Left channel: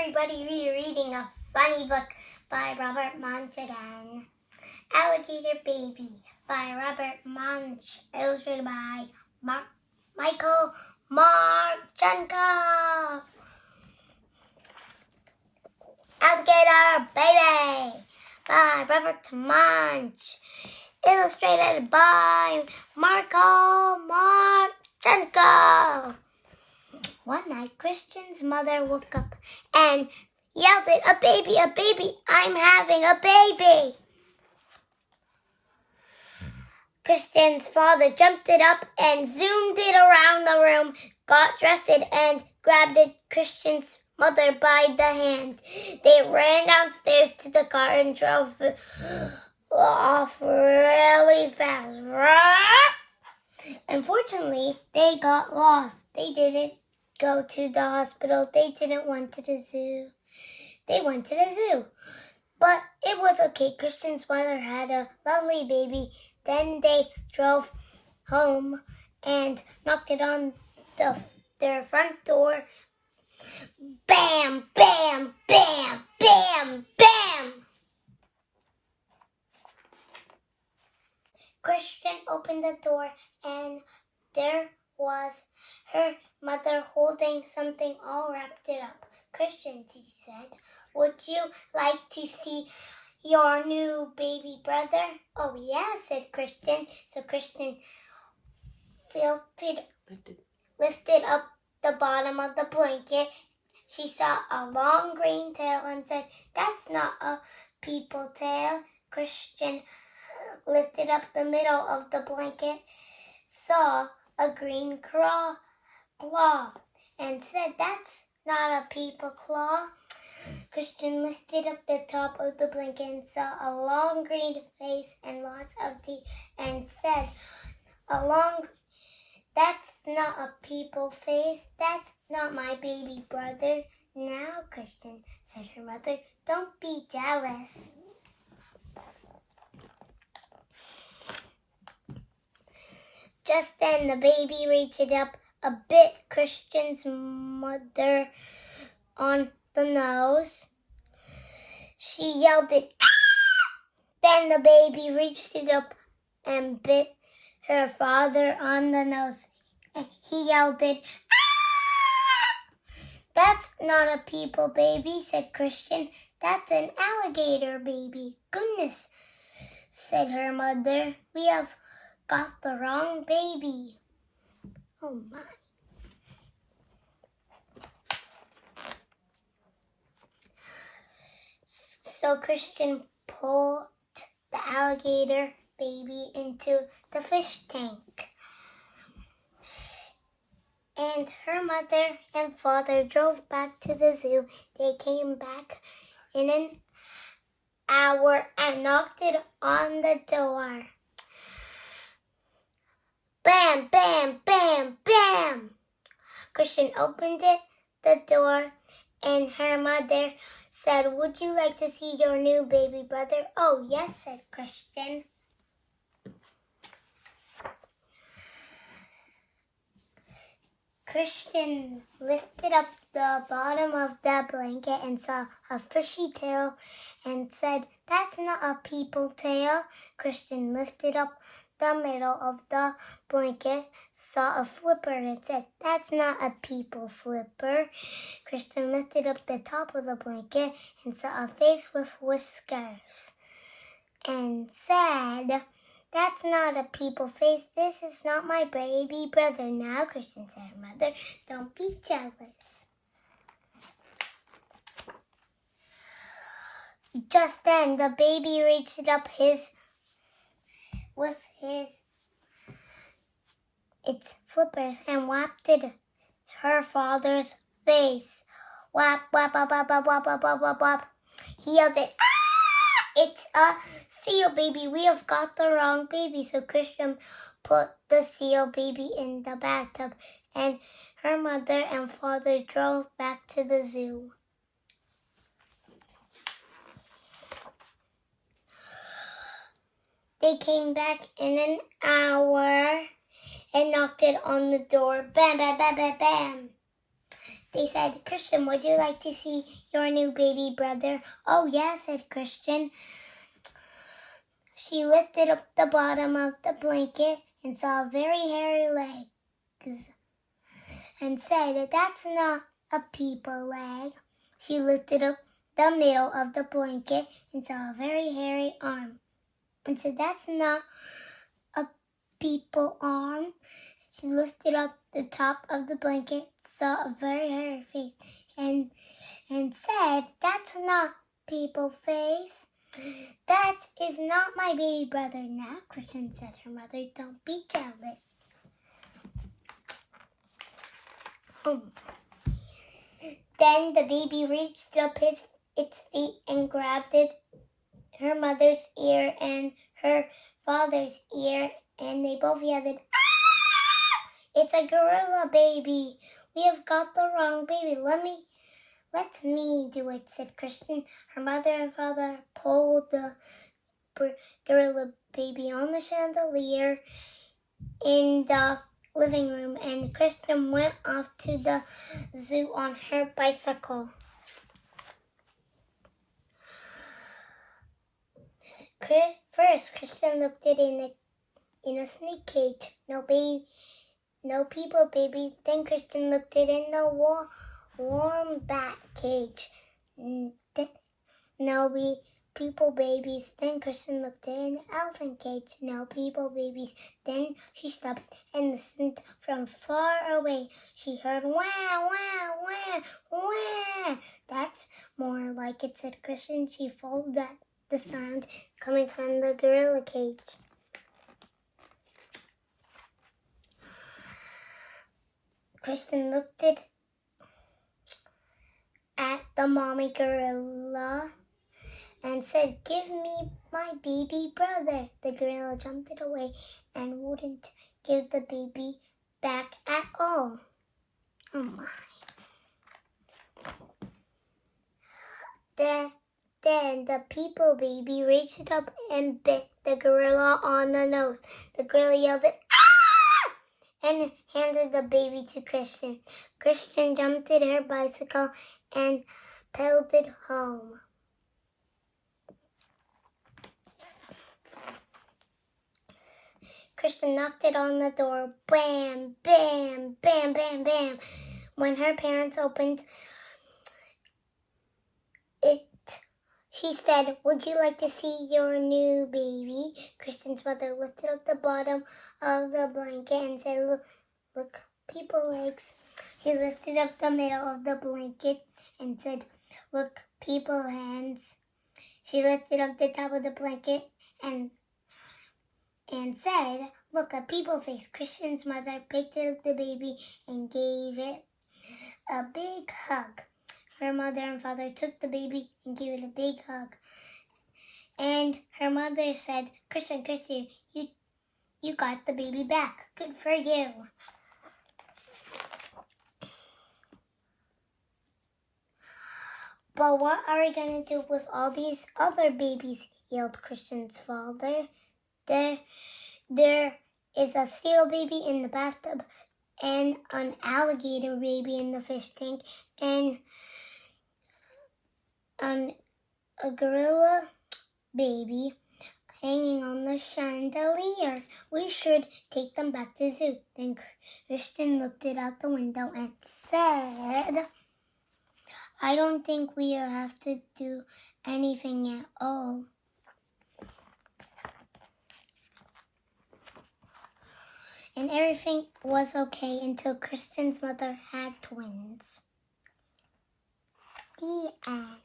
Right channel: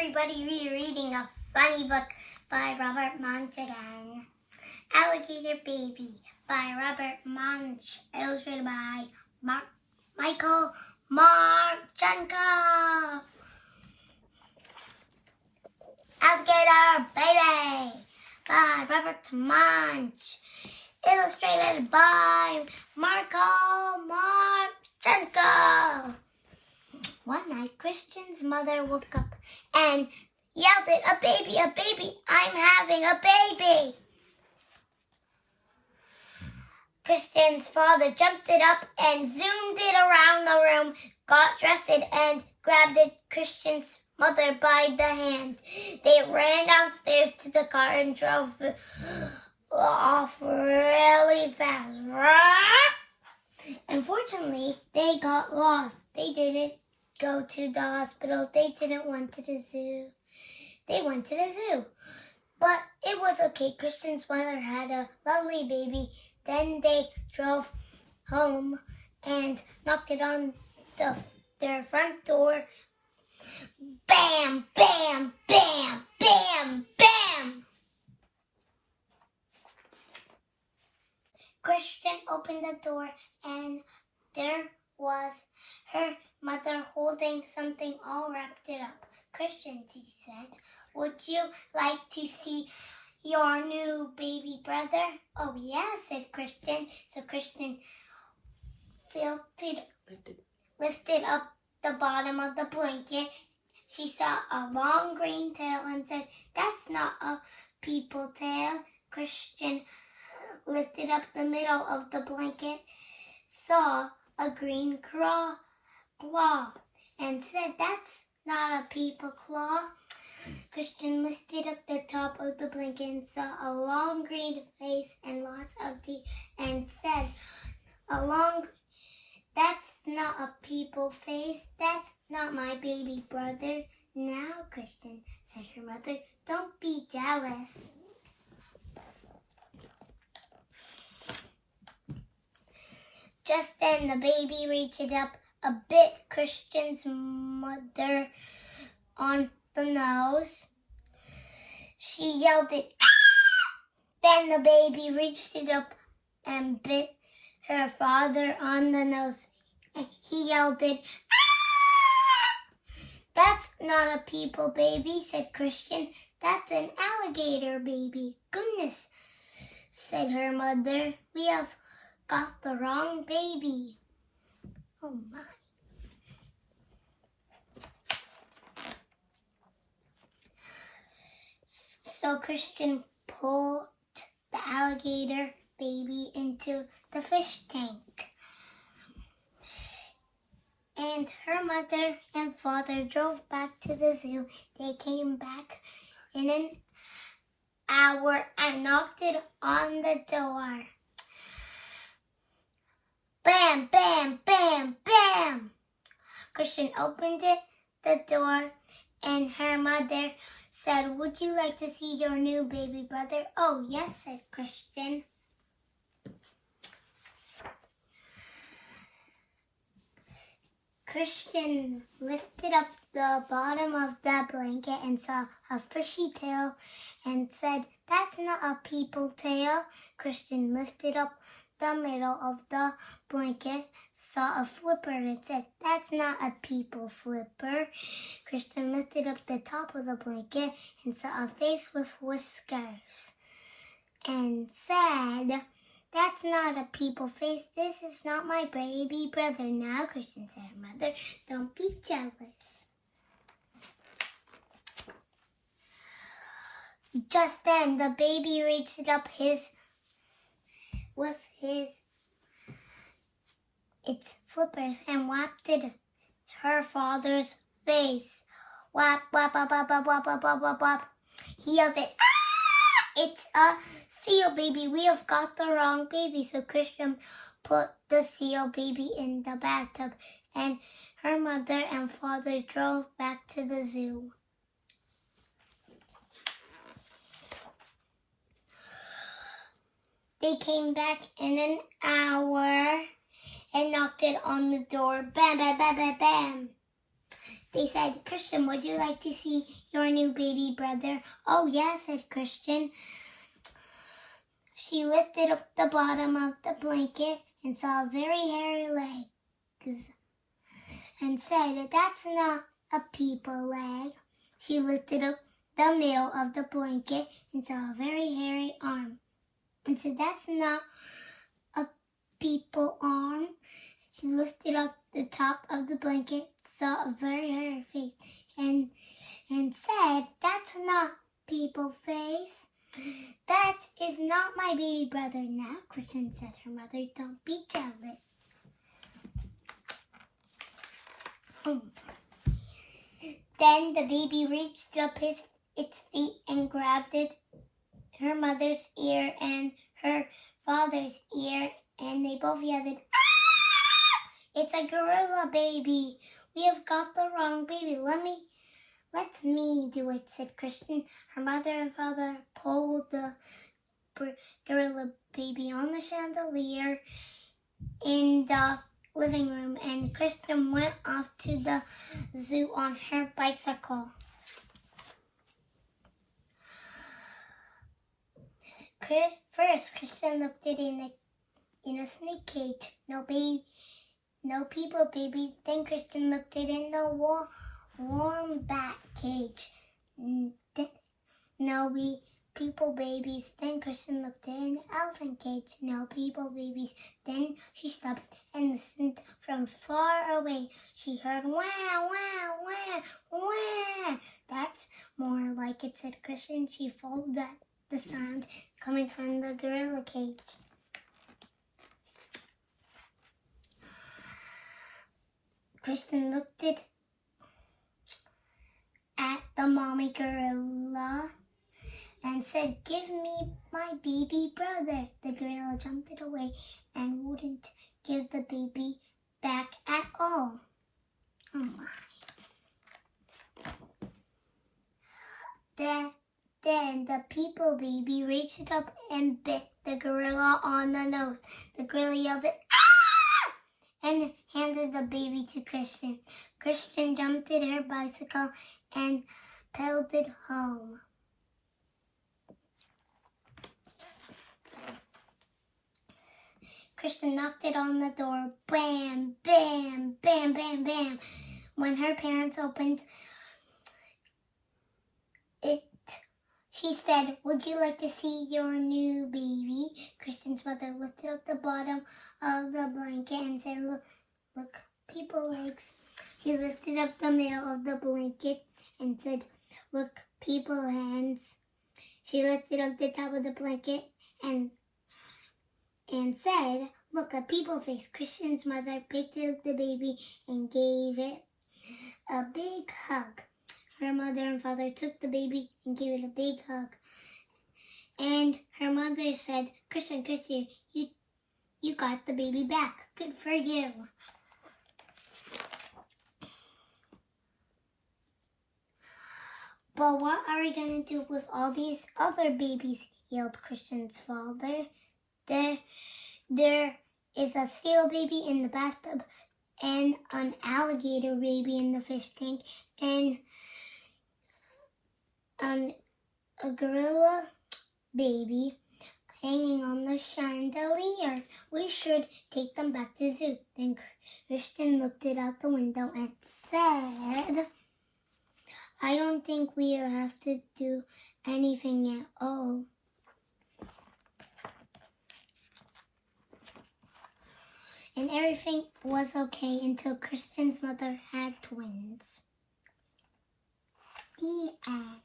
everybody rereading a funny book by Robert Munsch again. Alligator Baby by Robert Munsch, illustrated by Michael Martchenko. Alligator Baby by Robert Munsch, illustrated by Michael Martchenko. One night, Kristen's mother woke up and yelled at a baby, I'm having a baby. Kristen's father jumped it up and zoomed it around the room, got dressed and grabbed Kristen's mother by the hand. They ran downstairs to the car and drove off really fast. Unfortunately, they got lost. They didn't go to the hospital. They didn't want to the zoo. They went to the zoo. But it was okay. Kristen's mother had a lovely baby. Then they drove home and knocked it on their front door. Bam, bam, bam, bam, bam. Kristen opened the door and there was her mother holding something all wrapped it up. Kristen, she said, would you like to see your new baby brother? Oh, yes, said Kristen. So Kristen lifted up the bottom of the blanket. She saw a long green tail and said, that's not a people tail. Kristen lifted up the middle of the blanket, saw a green claw, and said, that's not a people claw. Kristen lifted up the top of the blanket and saw a long green face and lots of teeth and said, that's not a people face, that's not my baby brother. Now, Kristen, said her mother, don't be jealous. Just then the baby reached up a bit Kristen's mother on the nose. She yelled it, ah! Then the baby reached it up and bit her father on the nose. He yelled it, ah! That's not a people baby, said Kristen. That's an alligator baby. Goodness, said her mother. We have got the wrong baby. Oh my. So Kristen pulled the alligator baby into the fish tank. And her mother and father drove back to the zoo. They came back in an hour and knocked it on the door. Bam, bam, bam, bam. Kristen opened the door and her mother said, would you like to see your new baby brother? Oh, yes, said Kristen. Kristen lifted up the bottom of the blanket and saw a fishy tail and said, that's not a people tail. Kristen lifted up the middle of the blanket, saw a flipper and said, that's not a people flipper. Kristen lifted up the top of the blanket and saw a face with whiskers and said, that's not a people face. This is not my baby brother. Now, Kristen said her mother, don't be jealous. Just then, the baby reached up its flippers and whapped her father's face. Whap, whap, whap, whap, whap, whap, whap, whap, whap, whap. He yelled it, ah! It's a seal baby. We have got the wrong baby. So Kristen put the seal baby in the bathtub and her mother and father drove back to the zoo. They came back in an hour and knocked it on the door. Bam, bam, bam, bam, bam. They said, Kristen, would you like to see your new baby brother? Oh, yes, said Kristen. She lifted up the bottom of the blanket and saw very hairy legs and said, that's not a people leg. She lifted up the middle of the blanket and saw a very hairy arm and said, that's not a people arm. She lifted up the top of the blanket, saw a very hairy face, and said, that's not people face. That is not my baby brother now, Kristen said her mother. Don't be jealous. Then the baby reached up its feet and grabbed her mother's ear and her father's ear, and they both yelled, "Ah! It's a gorilla baby. We have got the wrong baby. Let me do it," said Kristen. Her mother and father pulled the gorilla baby on the chandelier in the living room, and Kristen went off to the zoo on her bicycle. First, Kristen looked at it in a snake cage. No people babies. Then Kristen looked at it in the warm bat cage. No people babies. Then Kristen looked at it in the elephant cage. No people babies. Then she stopped and listened from far away. She heard wah, wah, wah, wah. That's more like it, said Kristen. She followed the sound coming from the gorilla cage. Kristen looked at the mommy gorilla and said, "Give me my baby brother." The gorilla jumped it away and wouldn't give the baby back at all. Oh my. Then the people baby reached up and bit the gorilla on the nose. The gorilla yelled, "Ah!" and handed the baby to Kristen. Kristen jumped at her bicycle and pedaled it home. Kristen knocked it on the door. Bam, bam, bam, bam, bam. When her parents opened it, she said, "Would you like to see your new baby?" Kristen's mother lifted up the bottom of the blanket and said, Look, people legs." He lifted up the middle of the blanket and said, "Look, people hands." She lifted up the top of the blanket and said, "Look, a people face." Kristen's mother picked up the baby and gave it a big hug. Her mother and father took the baby and gave it a big hug. And her mother said, Kristen, you got the baby back. Good for you." "But what are we going to do with all these other babies?" yelled Kristen's father. There is a seal baby in the bathtub and an alligator baby in the fish tank and a gorilla baby hanging on the chandelier. We should take them back to the zoo. Then Kristen looked out the window and said, "I don't think we have to do anything at all." And everything was okay until Kristen's mother had twins. The end.